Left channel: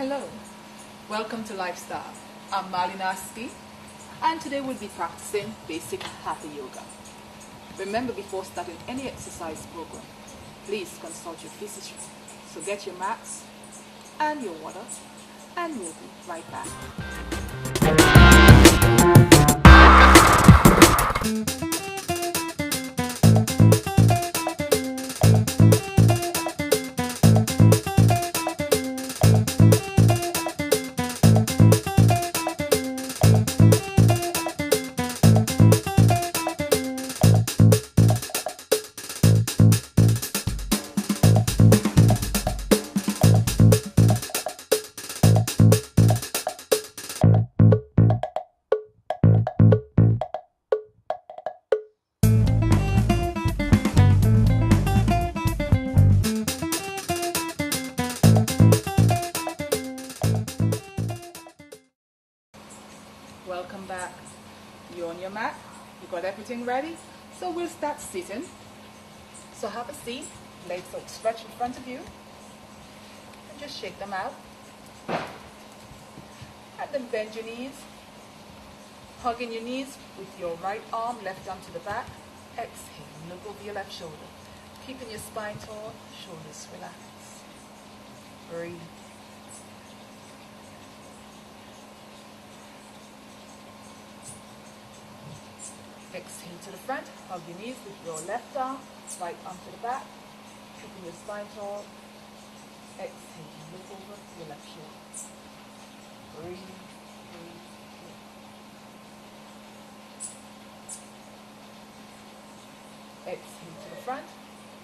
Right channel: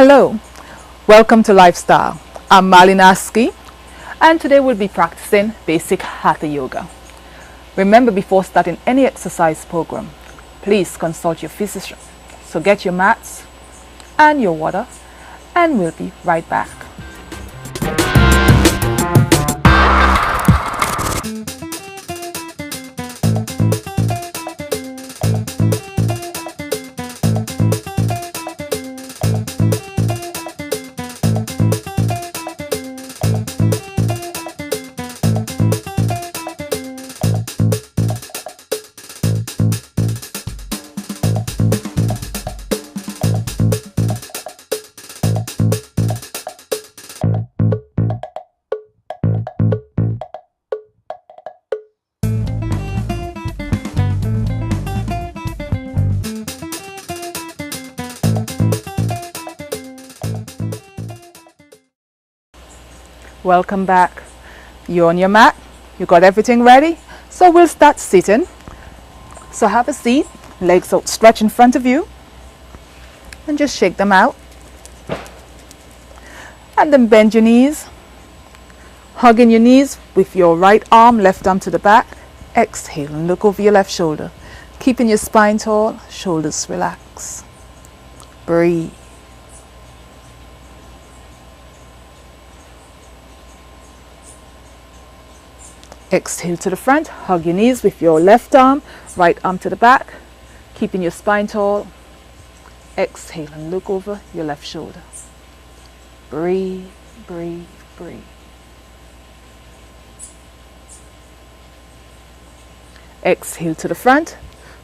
Hello, welcome to Lifestyle. I'm Malinaski, and today we'll be practicing basic Hatha Yoga. Remember, before starting any exercise program, please consult your physician. So get your mats and your water, and we'll be right back. Welcome back. You're on your mat. You got everything ready? So we'll start sitting. So have a seat, legs outstretched in front of you, and just shake them out. And then bend your knees, hugging your knees with your right arm, left arm to the back. Exhale and look over your left shoulder, keeping your spine tall, shoulders relaxed. Breathe. Exhale to the front, hug your knees with your left arm, right arm to the back, keeping your spine tall. Exhale and look over your left shoulder. Breathe, breathe, breathe. Exhale to the front,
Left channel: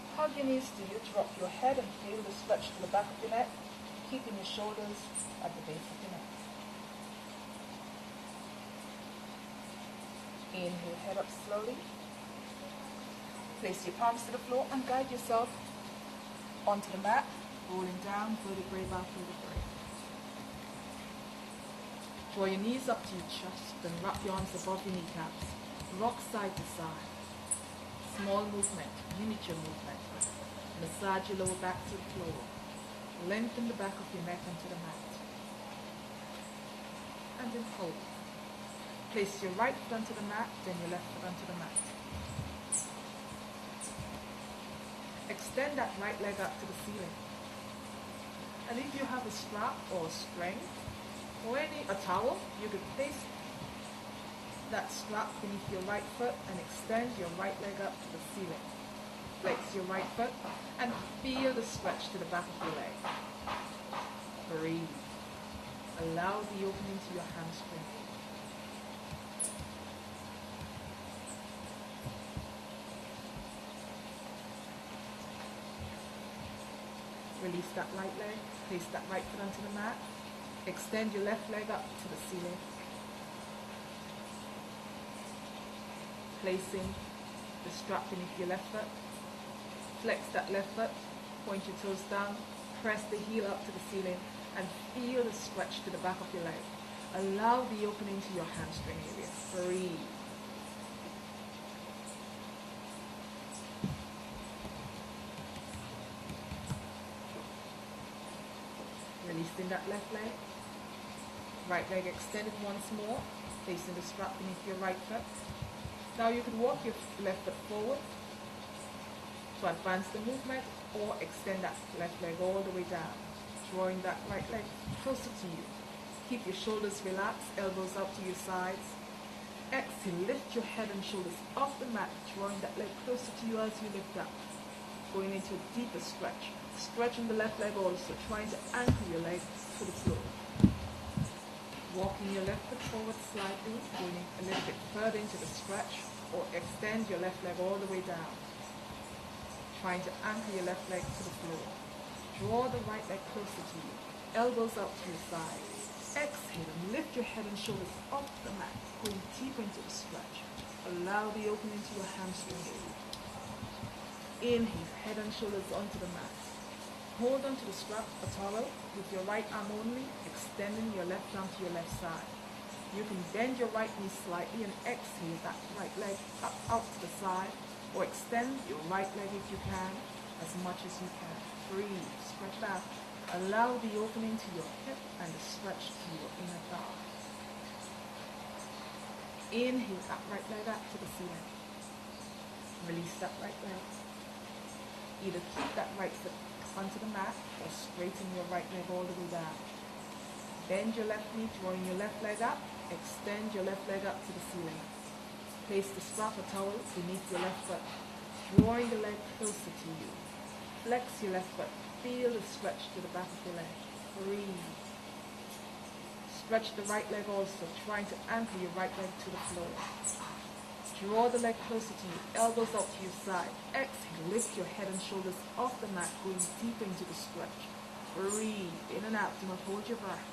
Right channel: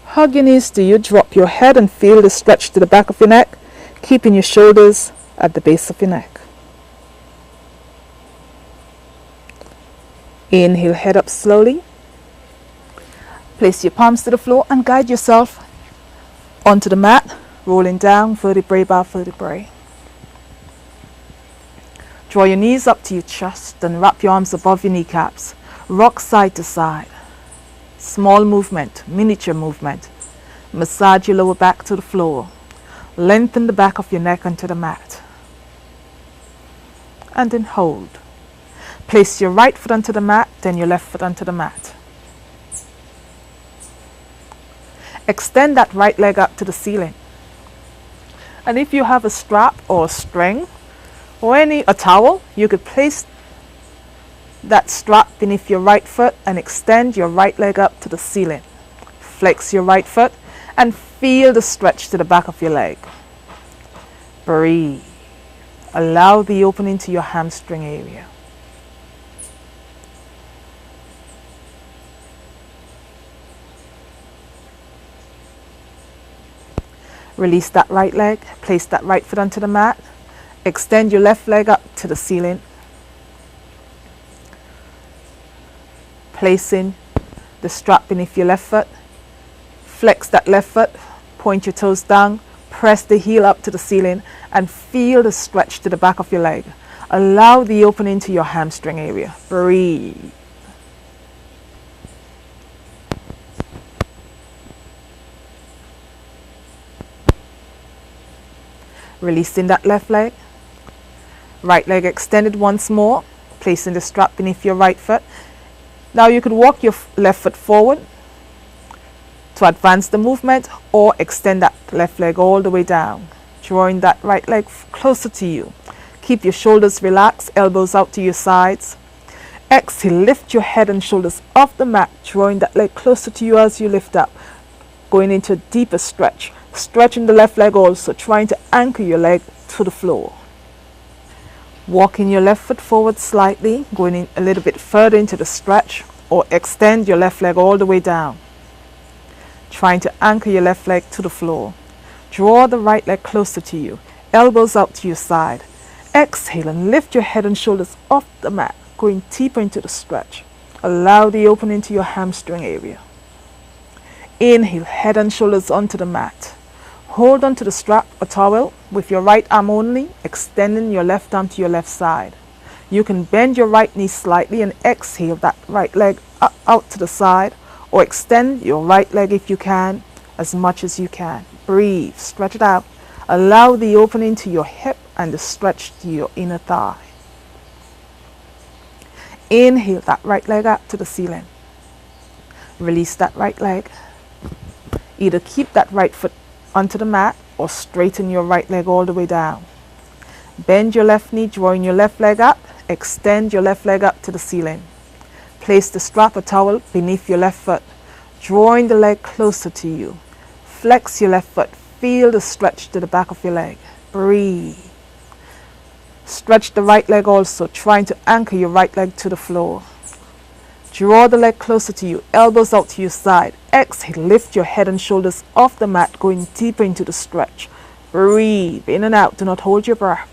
hug your knees till you drop your head and feel the stretch to the back of your neck, keeping your shoulders at the base of your neck. Inhale, head up slowly. Place your palms to the floor and guide yourself onto the mat, rolling down vertebrae by vertebrae. Draw your knees up to your chest and wrap your arms above your kneecaps. Rock side to side. Small movement, miniature movement. Massage your lower back to the floor. Lengthen the back of your neck onto the mat. And then hold. Place your right foot onto the mat, then your left foot onto the mat. Extend that right leg up to the ceiling. And if you have a strap or a string or a towel, you could place that strap beneath your right foot and extend your right leg up to the ceiling. Flex your right foot and feel the stretch to the back of your leg. Breathe. Allow the opening to your hamstring area. Release that right leg, place that right foot onto the mat, extend your left leg up to the ceiling, placing the strap beneath your left foot, flex that left foot, point your toes down, press the heel up to the ceiling and feel the stretch to the back of your leg. Allow the opening to your hamstring area. Breathe. Releasing that left leg. Right leg extended once more, placing the strap beneath your right foot. Now you could walk your left foot forward to advance the movement or extend that left leg all the way down, drawing that right leg closer to you. Keep your shoulders relaxed, elbows out to your sides. Exhale, lift your head and shoulders off the mat, drawing that leg closer to you as you lift up, going into a deeper stretch. Stretching the left leg also, trying to anchor your leg to the floor. Walking your left foot forward slightly, going in a little bit further into the stretch, or extend your left leg all the way down. Trying to anchor your left leg to the floor. Draw the right leg closer to you, elbows out to your side. Exhale and lift your head and shoulders off the mat, going deeper into the stretch. Allow the opening to your hamstring area. Inhale, head and shoulders onto the mat. Hold onto the strap or towel with your right arm only, extending your left arm to your left side. You can bend your right knee slightly and exhale that right leg out to the side, or extend your right leg if you can, as much as you can. Breathe, stretch it out. Allow the opening to your hip and the stretch to your inner thigh. Inhale that right leg up to the ceiling. Release that right leg. Either keep that right foot onto the mat or straighten your right leg all the way down. Bend your left knee, drawing your left leg up. Extend your left leg up to the ceiling. Place the strap or towel beneath your left foot, drawing the leg closer to you. Flex your left foot. Feel the stretch to the back of your leg. Breathe. Stretch the right leg also, trying to anchor your right leg to the floor. Draw the leg closer to you, elbows out to your side. Exhale, lift your head and shoulders off the mat, going deeper into the stretch. Breathe in and out, do not hold your breath.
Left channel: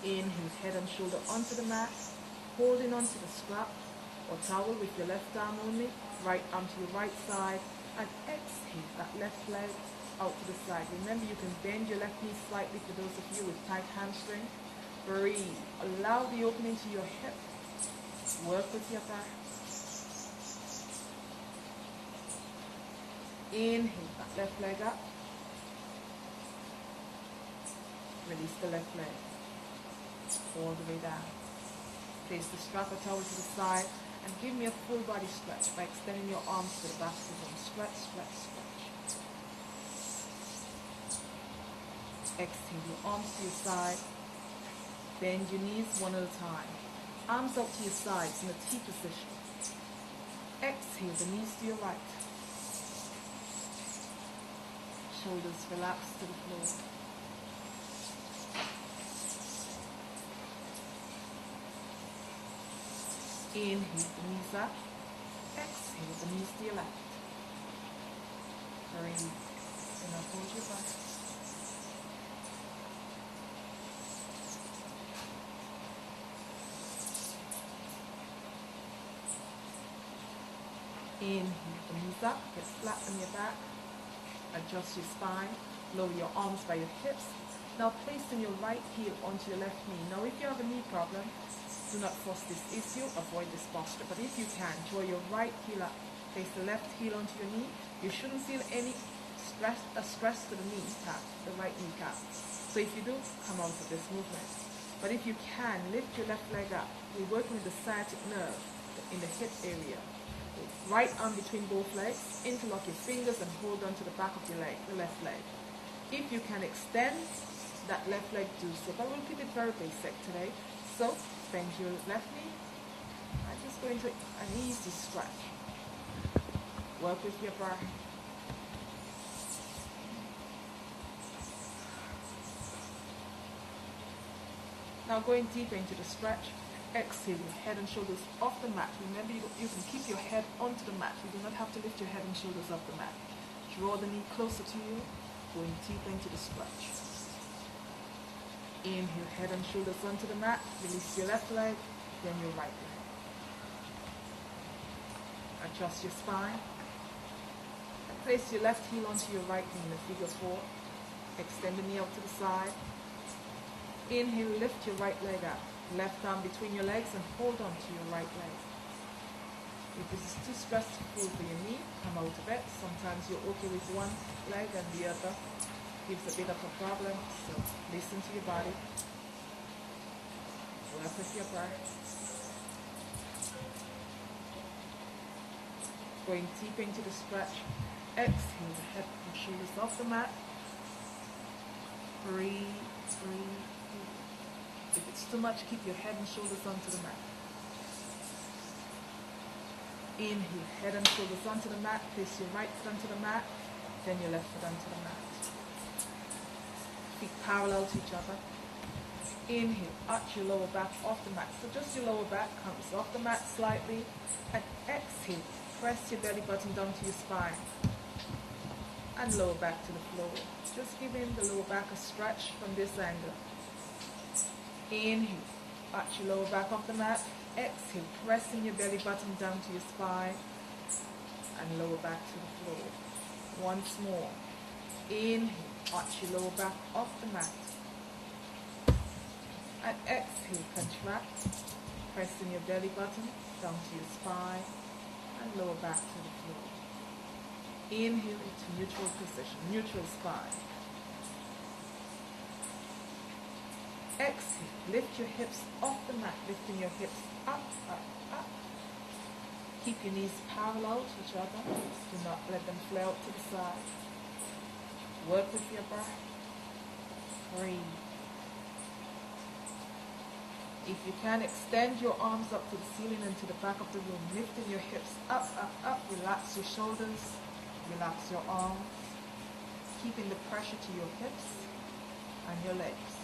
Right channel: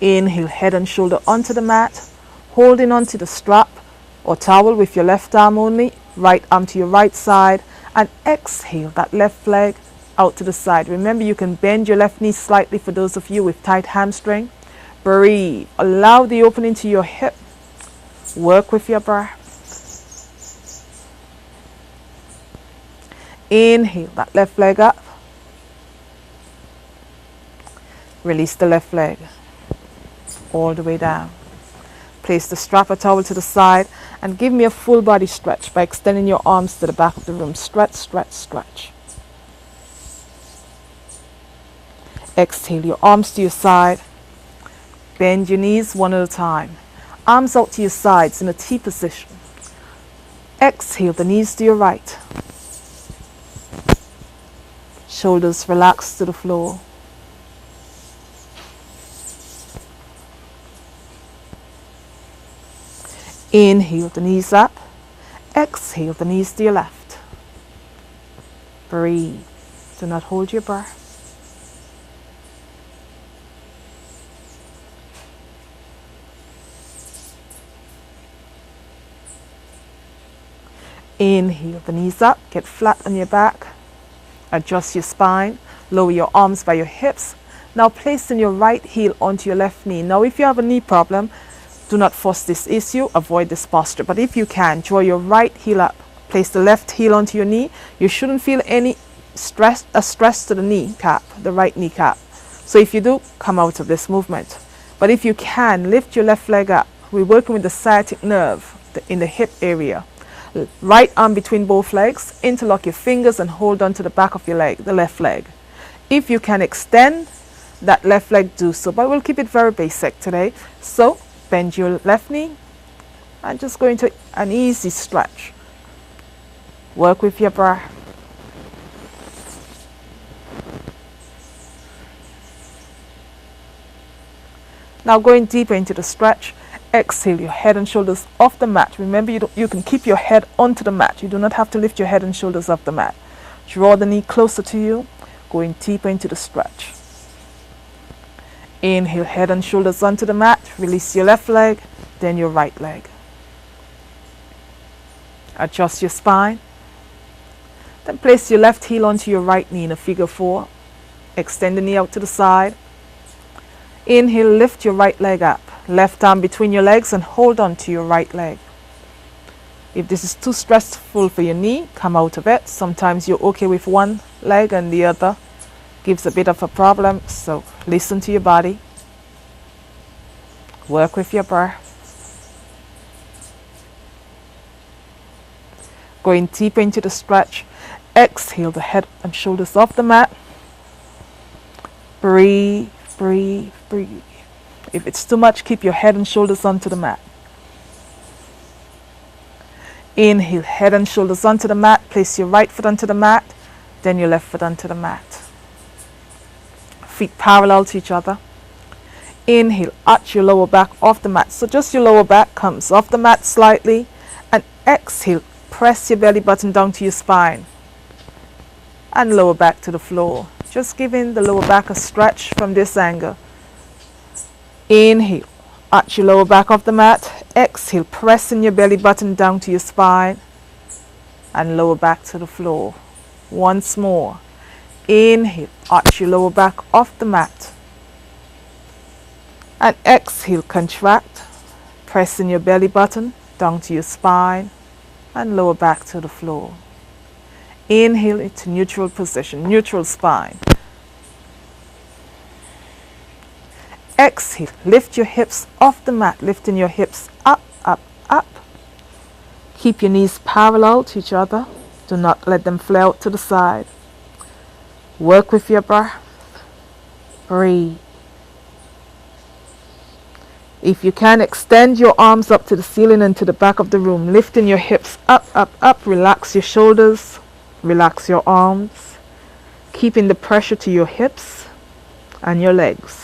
Inhale, head and shoulder onto the mat, holding onto the strap or towel with your left arm only, right arm to your right side, and exhale that left leg out to the side. Remember, you can bend your left knee slightly for those of you with tight hamstring. Breathe. Allow the opening to your hip. Work with your breath. Inhale that left leg up. Release the left leg all the way down. Place the strap or towel to the side and give me a full body stretch by extending your arms to the back of the room. Stretch, stretch, stretch. Exhale your arms to your side. Bend your knees one at a time. Arms out to your sides in a T position. Exhale the knees to your right. Shoulders relaxed to the floor. Inhale the knees up. Exhale the knees to your left. Breathe. Do not hold your breath. Inhale the knees up, get flat on your back, adjust your spine, lower your arms by your hips. Now placing your right heel onto your left knee. Now if you have a knee problem, do not force this issue, avoid this posture. But if you can, draw your right heel up, place the left heel onto your knee. You shouldn't feel any stress to the kneecap, the right kneecap. So if you do, come out of this movement. But if you can, lift your left leg up. We're working with the sciatic nerve in the hip area. Right arm between both legs, interlock your fingers and hold on to the back of your leg, the left leg. If you can extend that left leg, do so, but we'll keep it very basic today. So bend your left knee and just go into an easy stretch. Work with your breath. Now going deeper into the stretch. Exhale your head and shoulders off the mat. Remember, you can keep your head onto the mat. You do not have to lift your head and shoulders off the mat. Draw the knee closer to you, going deeper into the stretch. Inhale, head and shoulders onto the mat. Release your left leg, then your right leg. Adjust your spine. Then place your left heel onto your right knee in a figure 4. Extend the knee out to the side. Inhale, lift your right leg up. Left arm between your legs and hold on to your right leg. If this is too stressful for your knee, come out of it. Sometimes you're okay with one leg and the other gives a bit of a problem. So listen to your body. Work with your breath. Going deeper into the stretch. Exhale the head and shoulders off the mat. Breathe, breathe, breathe. If it's too much, keep your head and shoulders onto the mat. Inhale, head and shoulders onto the mat. Place your right foot onto the mat, then your left foot onto the mat. Feet parallel to each other. Inhale, arch your lower back off the mat. So just your lower back comes off the mat slightly. And exhale, press your belly button down to your spine. And lower back to the floor. Just giving the lower back a stretch from this angle. Inhale, arch your lower back off the mat. Exhale, pressing your belly button down to your spine and lower back to the floor. Once more. Inhale, arch your lower back off the mat. And exhale, contract, pressing your belly button down to your spine and lower back to the floor. Inhale into neutral position, neutral spine. Exhale, lift your hips off the mat, lifting your hips up, up, up. Keep your knees parallel to each other. Do not let them flare out to the side. Work with your breath. Breathe. If you can, extend your arms up to the ceiling and to the back of the room, lifting your hips up, up, up. Relax your shoulders, relax your arms, keeping the pressure to your hips and your legs.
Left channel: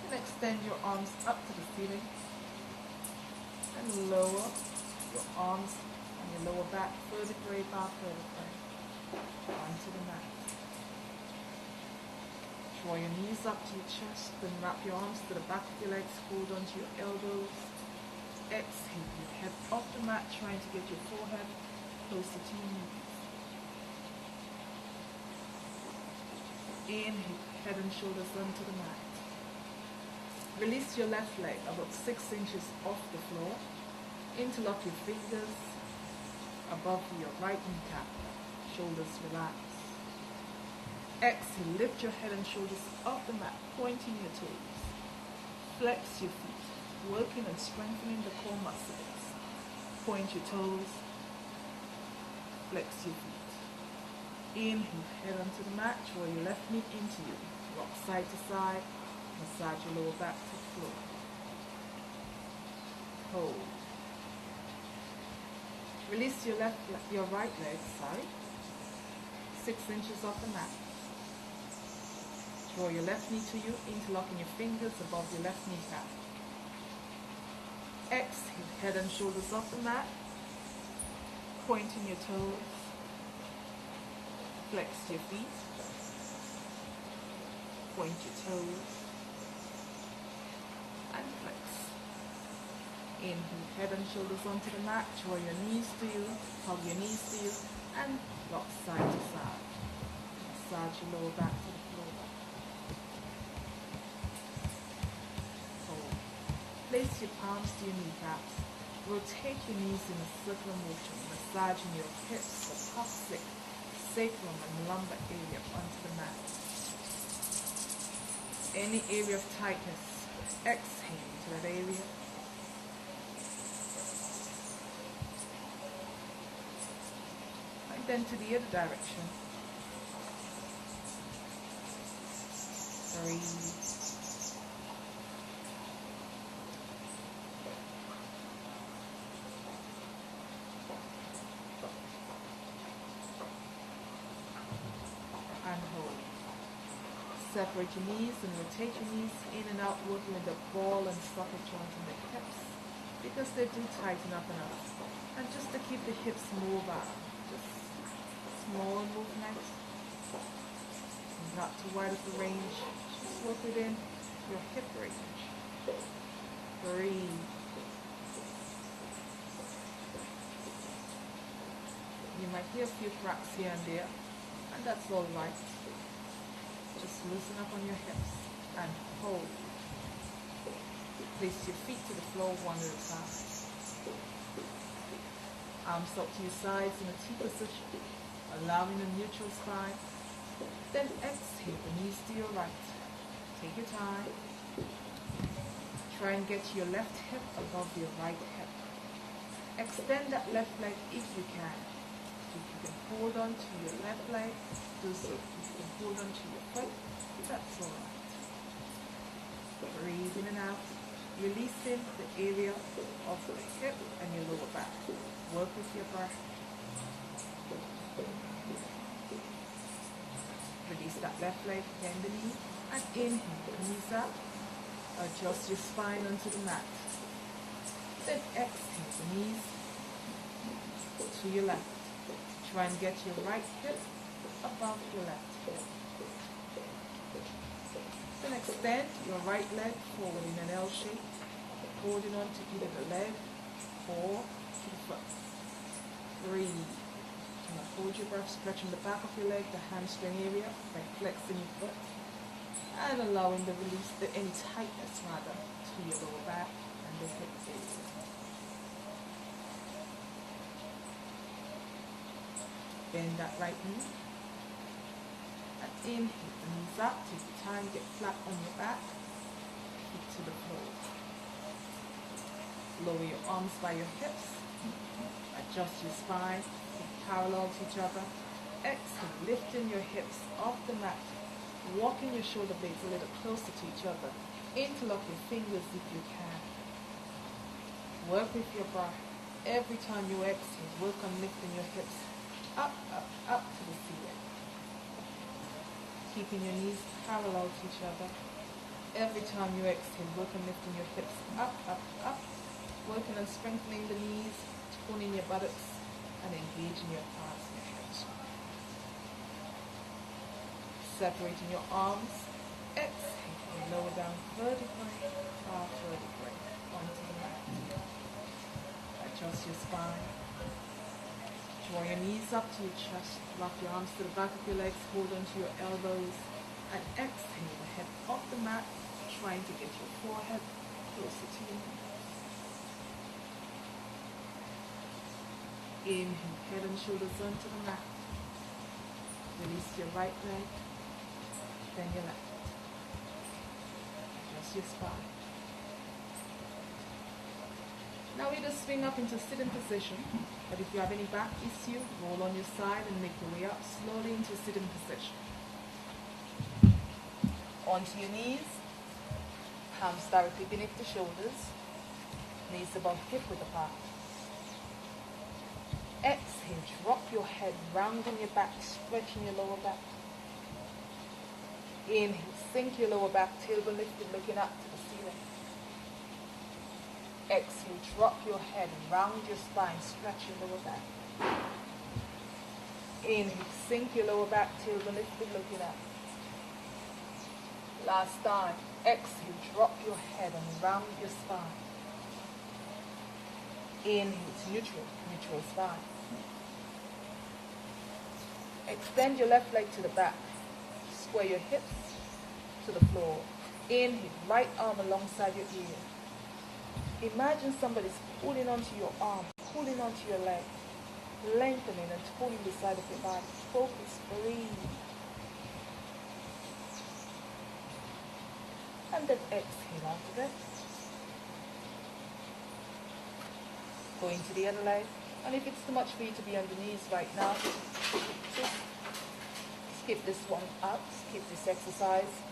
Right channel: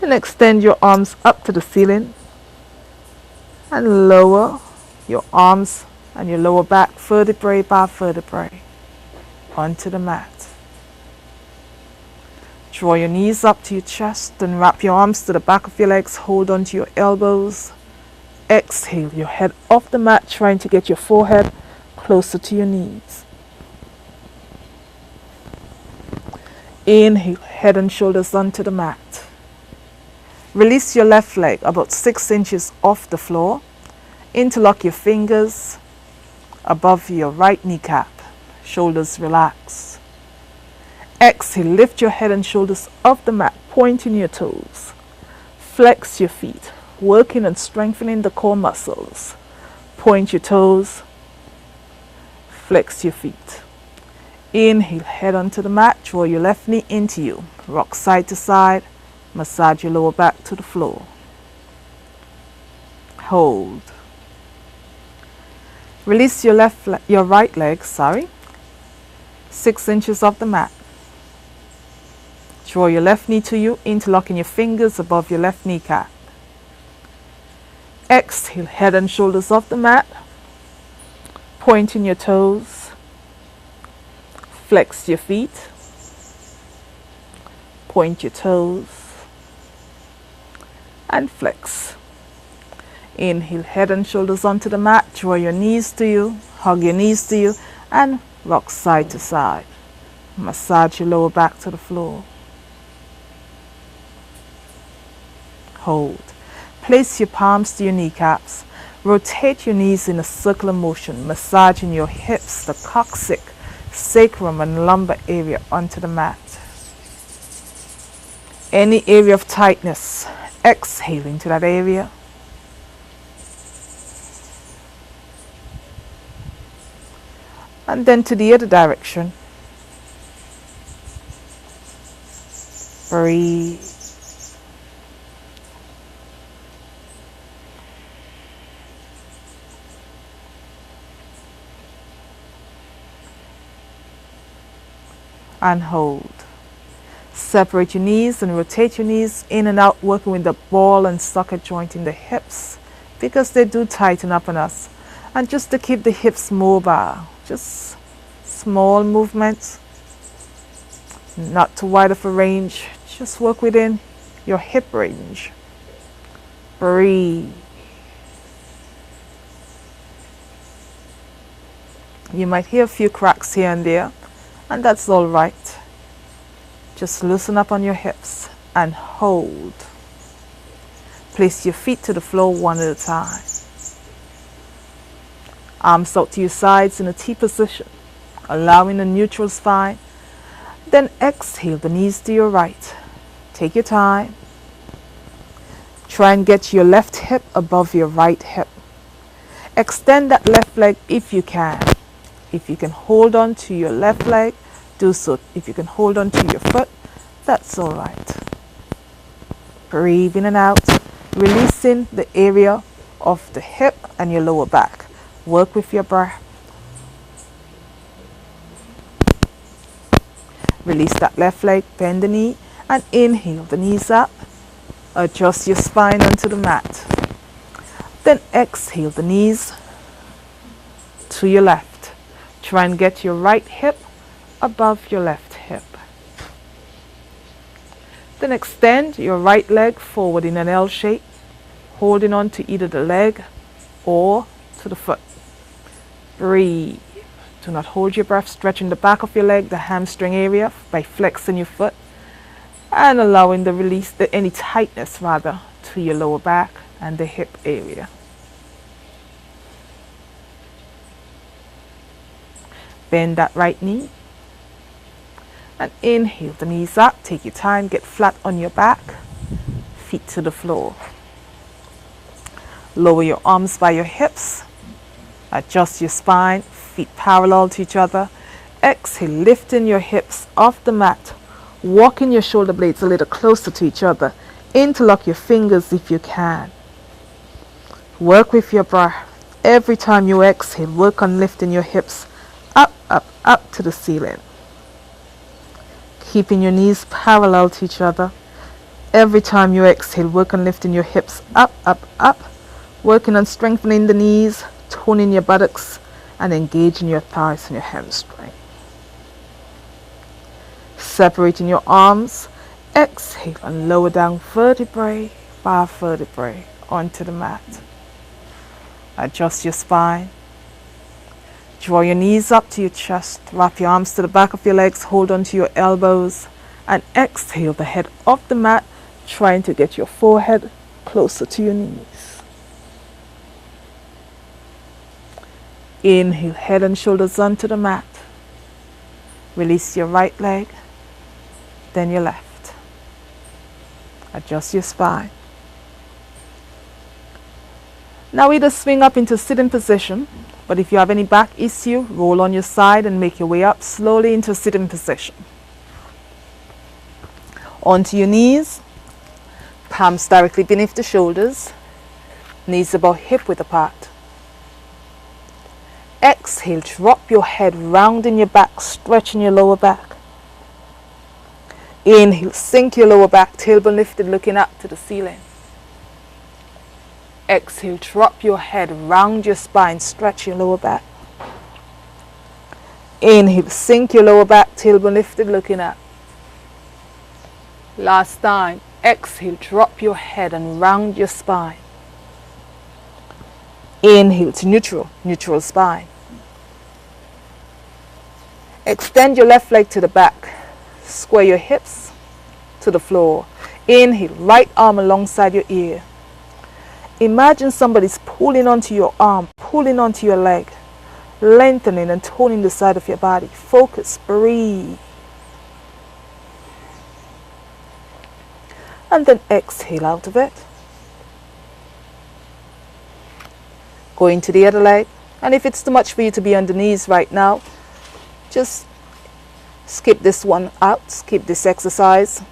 Then extend your arms up to the ceiling and lower your arms and your lower back, vertebrae by vertebrae, onto the mat. Draw your knees up to your chest and wrap your arms to the back of your legs. Hold onto your elbows. Exhale your head off the mat, trying to get your forehead closer to your knees. Inhale, head and shoulders onto the mat. Release your left leg about 6 inches off the floor. Interlock your fingers above your right kneecap. Shoulders relax. Exhale, lift your head and shoulders off the mat, pointing your toes. Flex your feet, working and strengthening the core muscles. Point your toes, flex your feet. Inhale, head onto the mat, draw your left knee into you. Rock side to side, massage your lower back to the floor. Hold. Release your right leg, 6 inches off the mat. Draw your left knee to you, interlocking your fingers above your left kneecap. Exhale, head and shoulders off the mat, pointing your toes. Flex your feet, point your toes, and flex. Inhale, head and shoulders onto the mat, draw your knees to you, hug your knees to you, and rock side to side. Massage your lower back to the floor. Hold. Place your palms to your kneecaps. Rotate your knees in a circular motion, massaging your hips, the coccyx, sacrum, and lumbar area onto the mat. Any area of tightness, exhale into that area. And then to the other direction. Breathe. And hold. Separate your knees and rotate your knees in and out, working with the ball and socket joint in the hips, because they do tighten up on us. And just to keep the hips mobile, just small movements, not too wide of a range, just work within your hip range. Breathe. You might hear a few cracks here and there, and that's all right. Just loosen up on your hips and hold. Place your feet to the floor one at a time. Arms out to your sides in a T position, allowing a neutral spine. Then exhale, the knees to your right. Take your time. Try and get your left hip above your right hip. Extend that left leg if you can. If you can hold on to your left leg, do so. If you can hold on to your foot, that's all right. Breathe in and out, releasing the area of the hip and your lower back. Work with your breath. Release that left leg, bend the knee, and inhale the knees up. Adjust your spine onto the mat. Then exhale the knees to your left. Try and get your right hip above your left hip. Then extend your right leg forward in an L shape, holding on to either the leg or to the foot. Breathe. Do not hold your breath, stretching the back of your leg, the hamstring area, by flexing your foot and allowing the release, any tightness rather, to your lower back and the hip area. Bend that right knee. And inhale the knees up. Take your time. Get flat on your back. Feet to the floor. Lower your arms by your hips. Adjust your spine. Feet parallel to each other. Exhale, lifting your hips off the mat. Walking your shoulder blades a little closer to each other. Interlock your fingers if you can. Work with your breath. Every time you exhale, work on lifting your hips up, up, up to the ceiling. Keeping your knees parallel to each other. Every time you exhale, work on lifting your hips up, up, up. Working on strengthening the knees, toning your buttocks, and engaging your thighs and your hamstring. Separating your arms. Exhale and lower down vertebrae by vertebrae onto the mat. Adjust your spine. Draw your knees up to your chest. Wrap your arms to the back of your legs. Hold onto your elbows. And exhale the head off the mat, trying to get your forehead closer to your knees. Inhale, head and shoulders onto the mat. Release your right leg, then your left. Adjust your spine. Now either swing up into sitting position, but if you have any back issue, roll on your side and make your way up slowly into sitting position. Onto your knees, palms directly beneath the shoulders, knees about hip width apart. Exhale, drop your head, rounding your back, stretching your lower back. Inhale, sink your lower back, tailbone lifted, looking up to the ceiling. Exhale, drop your head, round your spine, stretch your lower back. Inhale, sink your lower back, tailbone lifted, looking up. Last time. Exhale, drop your head and round your spine. Inhale to neutral, neutral spine. Extend your left leg to the back. Square your hips to the floor. Inhale, right arm alongside your ear. Imagine somebody's pulling onto your arm, pulling onto your leg, lengthening and toning the side of your body. Focus, breathe. And then exhale out of it. Go into the other leg. And if it's too much for you to be on the knees right now, just skip this one out, skip this exercise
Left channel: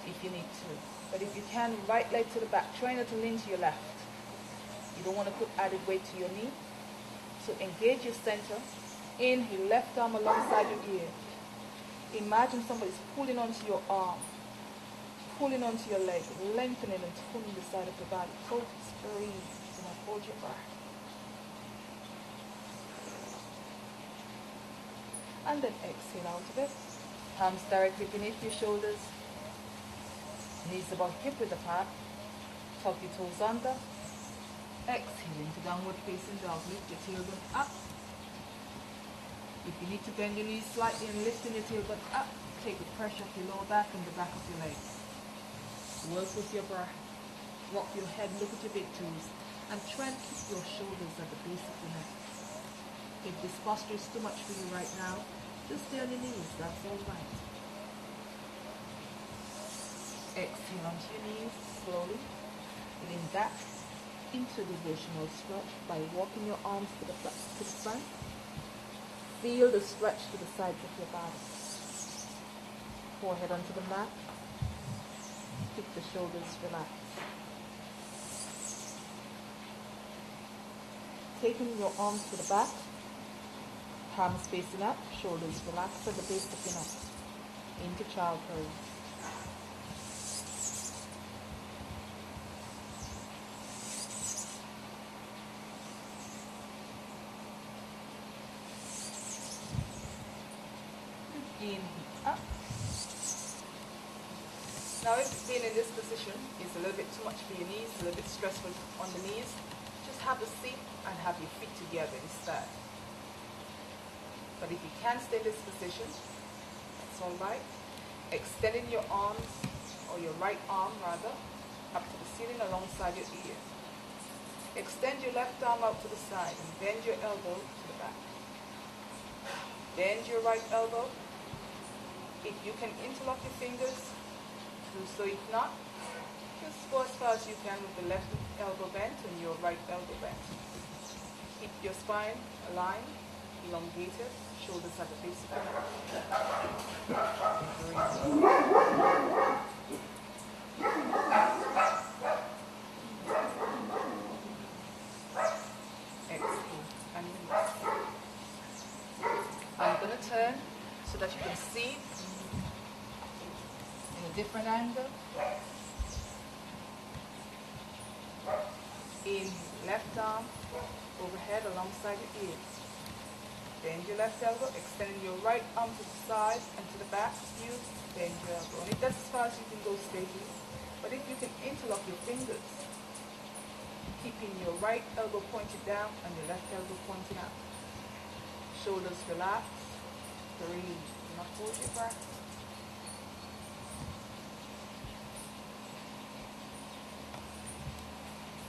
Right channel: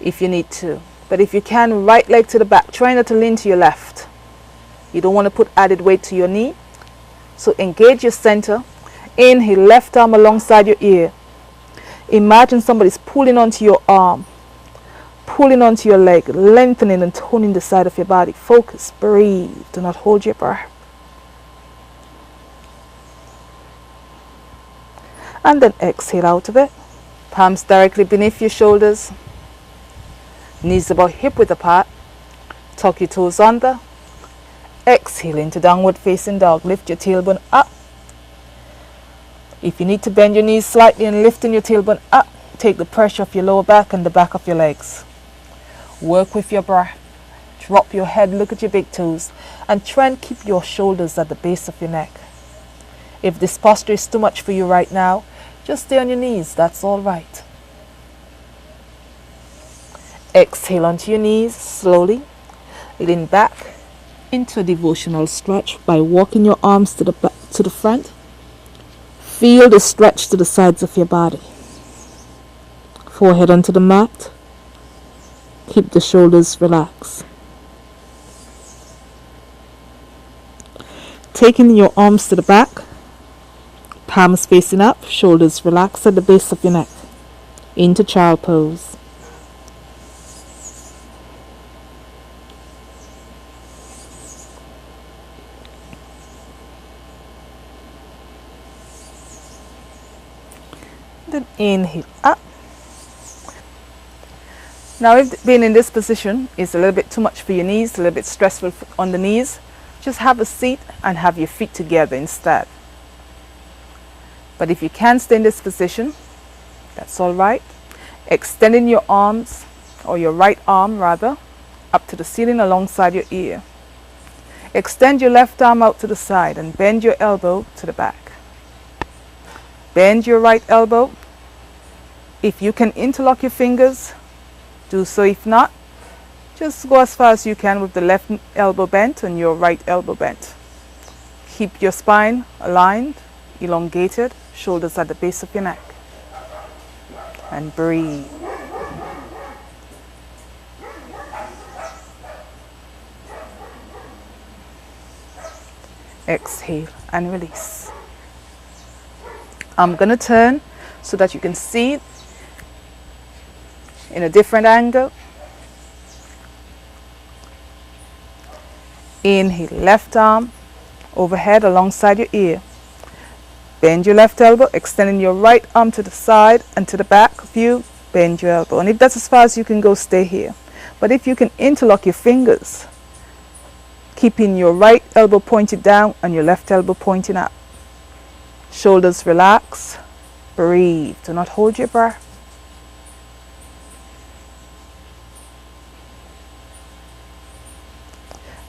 if you need to. But if you can, right leg to the back. Try not to lean to your left. You don't want to put added weight to your knee. So engage your center. Inhale, left arm alongside your ear. Imagine somebody's pulling onto your arm, pulling onto your leg, lengthening and toning the side of your body. Focus, breathe. Do not hold your breath. And then exhale out of it. Palms directly beneath your shoulders. Knees about hip width apart. Tuck your toes under. Exhale into downward facing dog. Lift your tailbone up. If you need to bend your knees slightly and lifting your tailbone up, take the pressure off your lower back and the back of your legs. Work with your breath. Drop your head, look at your big toes, and try and keep your shoulders at the base of your neck. If this posture is too much for you right now, just stay on your knees, that's all right. Exhale onto your knees slowly. Lean back into a devotional stretch by walking your arms to the back, to the front. Feel the stretch to the sides of your body. Forehead onto the mat. Keep the shoulders relaxed. Taking your arms to the back. Palms facing up, shoulders relaxed at the base of your neck. Into child pose. Then inhale up. Now if being in this position is a little bit too much for your knees, a little bit stressful on the knees, just have a seat and have your feet together instead. But if you can stay in this position, that's all right. Extending your arms, or your right arm rather, up to the ceiling alongside your ear. Extend your left arm out to the side and bend your elbow to the back. Bend your right elbow If you can interlock your fingers, do so. If not, just go as far as you can with the left elbow bent and your right elbow bent. Keep your spine aligned, elongated, shoulders at the base of your neck. And breathe. Exhale and release. I'm going to turn so that you can see it in a different angle. Inhale, left arm overhead alongside your ear. Bend your left elbow, extending your right arm to the side and to the back of you. Bend your elbow. And if that's as far as you can go, stay here. But if you can interlock your fingers, keeping your right elbow pointed down and your left elbow pointing up. Shoulders relax. Breathe. Do not hold your breath.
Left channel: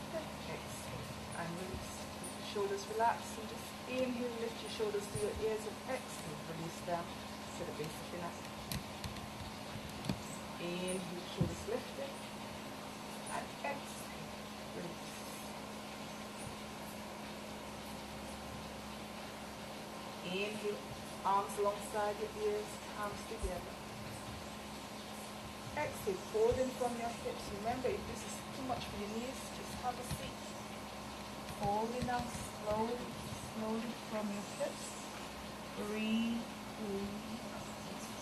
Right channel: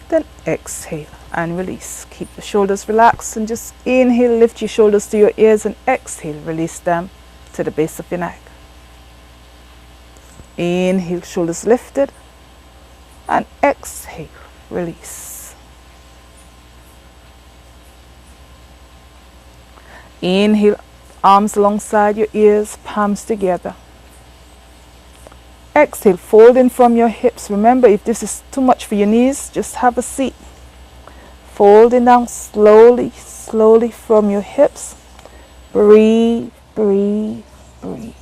Then exhale and release. Keep the shoulders relaxed and just inhale, lift your shoulders to your ears, and exhale, release them to the base of your neck. Inhale, shoulders lifted, and exhale, release. Inhale, arms alongside your ears, palms together. Exhale, folding from your hips. Remember, if this is too much for your knees, just have a seat. Folding down slowly, slowly from your hips. Breathe, breathe, breathe.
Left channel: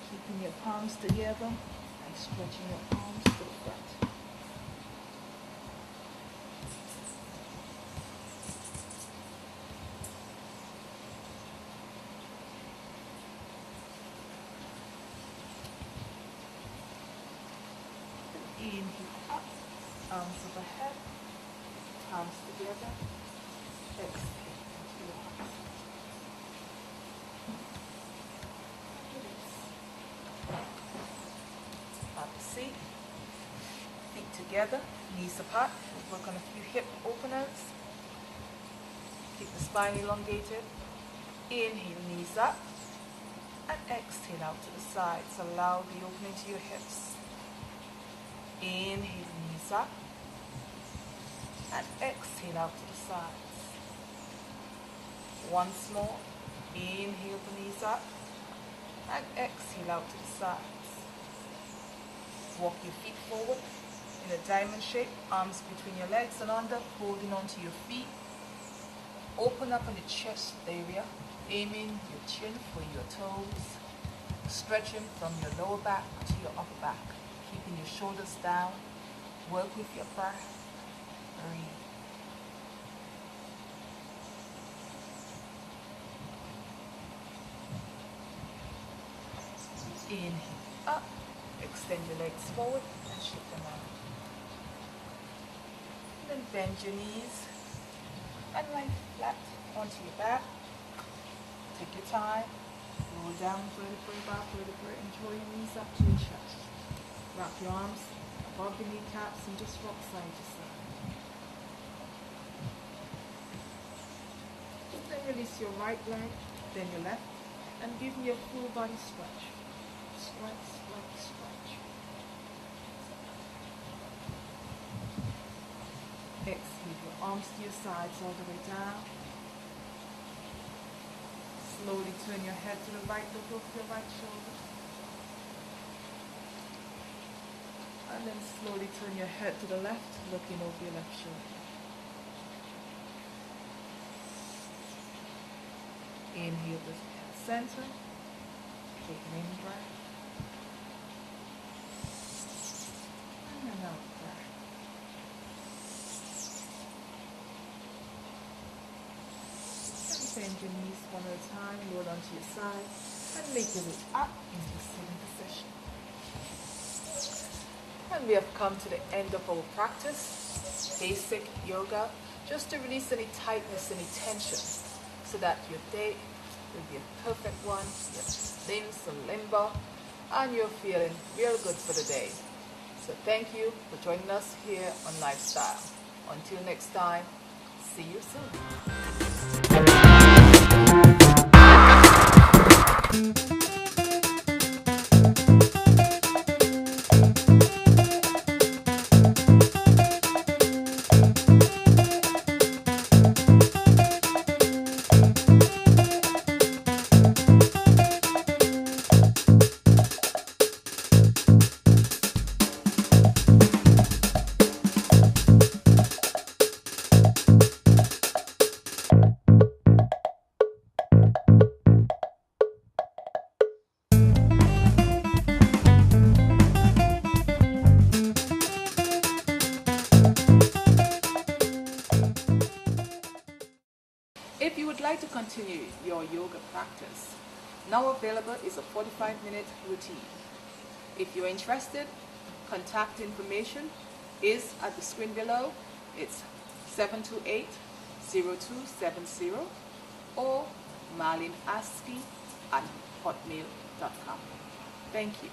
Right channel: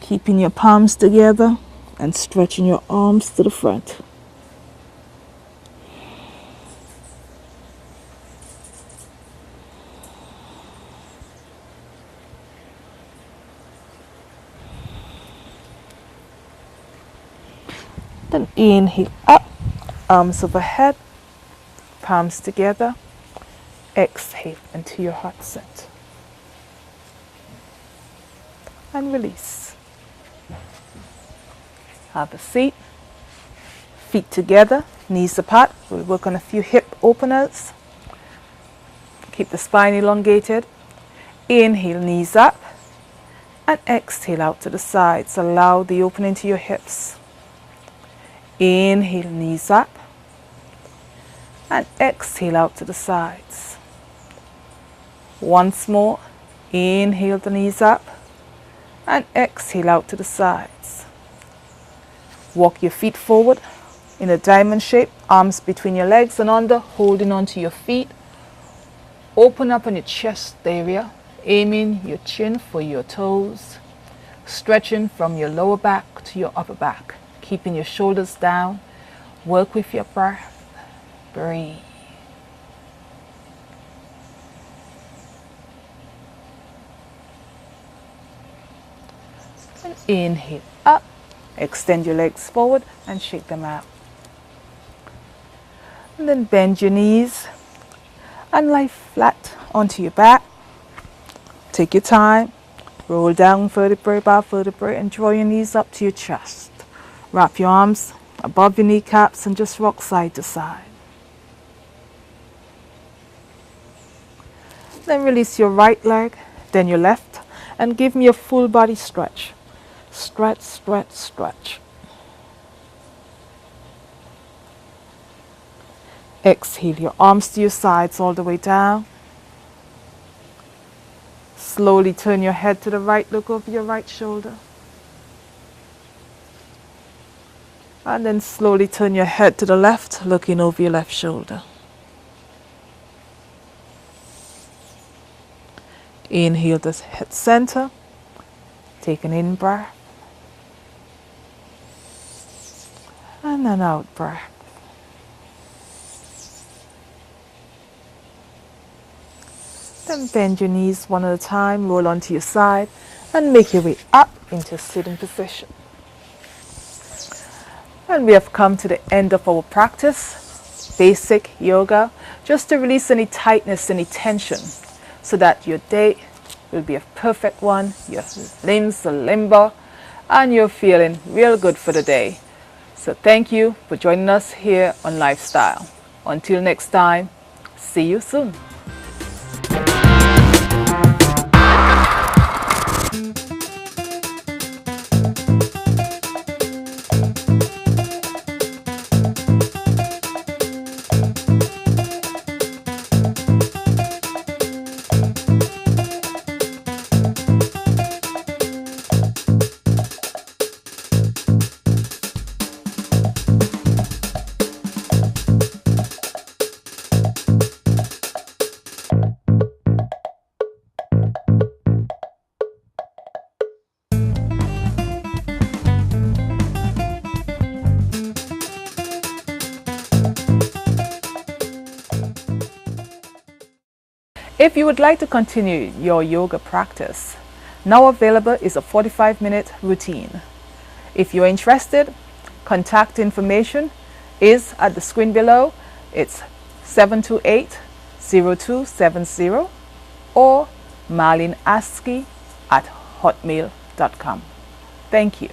Keeping your palms together and stretching your arms to the front. Then inhale up, arms overhead, palms together. Exhale into your heart center. And release. Have a seat. Feet together, knees apart. We'll work on a few hip openers. Keep the spine elongated. Inhale, knees up. And exhale out to the sides. Allow the opening to your hips. Inhale, knees up. And exhale out to the sides. Once more. Inhale the knees up. And exhale out to the sides. Walk your feet forward in a diamond shape. Arms between your legs and under, holding onto your feet. Open up on your chest area, aiming your chin for your toes. Stretching from your lower back to your upper back. Keeping your shoulders down. Work with your breath. Breathe. And inhale up. Extend your legs forward and shake them out. And then bend your knees and lie flat onto your back. Take your time. Roll down vertebrae by vertebrae and draw your knees up to your chest. Wrap your arms above your kneecaps and just rock side to side. Then release your right leg, then your left, and give me a full body stretch. Stretch, stretch, stretch. Exhale your arms to your sides all the way down. Slowly turn your head to the right, look over your right shoulder. And then slowly turn your head to the left, looking over your left shoulder. Inhale the head center. Take an in breath. And an out breath. Then bend your knees one at a time, roll onto your side, and make your way up into a sitting position. And we have come to the end of our practice, basic yoga, just to release any tightness, any tension, so that your day will be a perfect one, your limbs are limber, and you're feeling real good for the day. So thank you for joining us here on Lifestyle. Until next time, see you soon. If you would like to continue your yoga practice, now available is a 45-minute routine. If you're interested, contact information is at the screen below. It's 728-0270 or marleneaskey@hotmail.com. Thank you.